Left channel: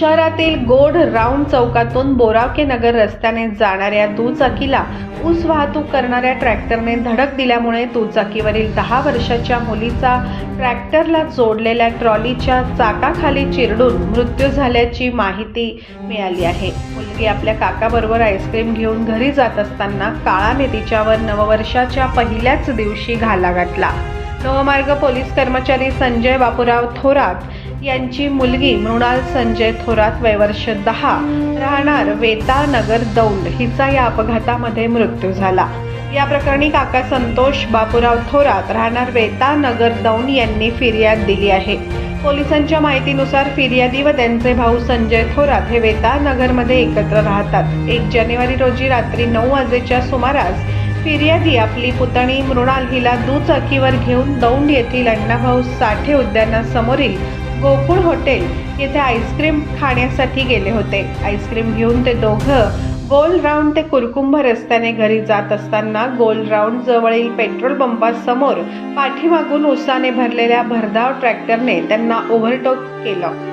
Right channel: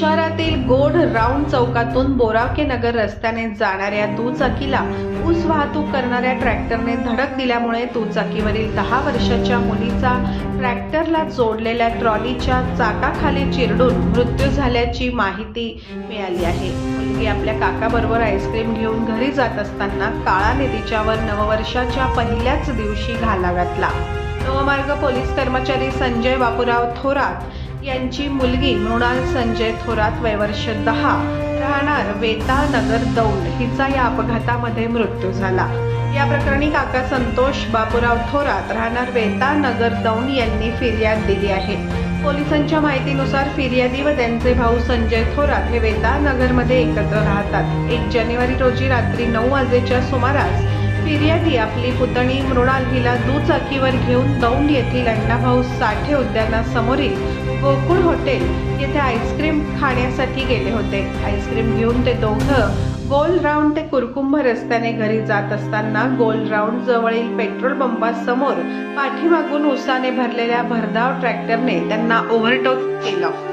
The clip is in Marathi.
शहरातील गोड राऊंड चौकातून बोरावके नगर रस्त्याने जाणाऱ्या दुचाकीला ऊस वाहतूक करणाऱ्या ट्रॅक्टरने धडक दिल्यामुळे दुचाकीवरील दहा वर्षाच्या मुलीचा ट्रॅक्टरला जोडलेल्या ट्रॉलीच्या चाकाखाली चिरडून मृत्यू झाल्याची माहिती मिळाली आहे. मुलगी आपल्या काकाबरोबर आईस्क्रीम घेऊन घरी जात असताना काळाने तिच्यावर नववर्षाच्या पहिल्याच दिवशी घाला घातला. नवमार्ग पोलीस कर्मचारी संजय बापूराव थोरात यांची मुलगी मृणाल संजय थोरात वयवर्ष दहा राहणार वेता नगर दौंड. हिचा या अपघातामध्ये मृत्यू झाला. या प्रकरणी काका संतोष बापूराव थोरात राहणार वेता नगर दौंड यांनी फिर्याद दिली आहे. पोलिसांच्या माहितीनुसार फिर्यादी व त्यांचे भाऊ संजय थोरात हे वेता नगरमध्ये एकत्र राहतात. एक जानेवारी रोजी रात्री नऊ वाजेच्या सुमारास फिर्यादी आपली पुतणी मृणाल हिला दुचाकीवर घेऊन दौंड येथील अण्णाभाऊ साठे उद्यानासमोरील गोकुळ हॉटेल येथे आईस्क्रीम खाण्यासाठी गेले होते. आईस्क्रीम घेऊन ते दोघं गोल राऊंड ते कुरकुंभ रस्त्याने घरी जात असताना गोल राऊंड जवळील पेट्रोल पंपासमोर पाठीमागून उसाने भरलेल्या भरधाव ट्रॅक्टरने त्यांना ओव्हरटेक केलं.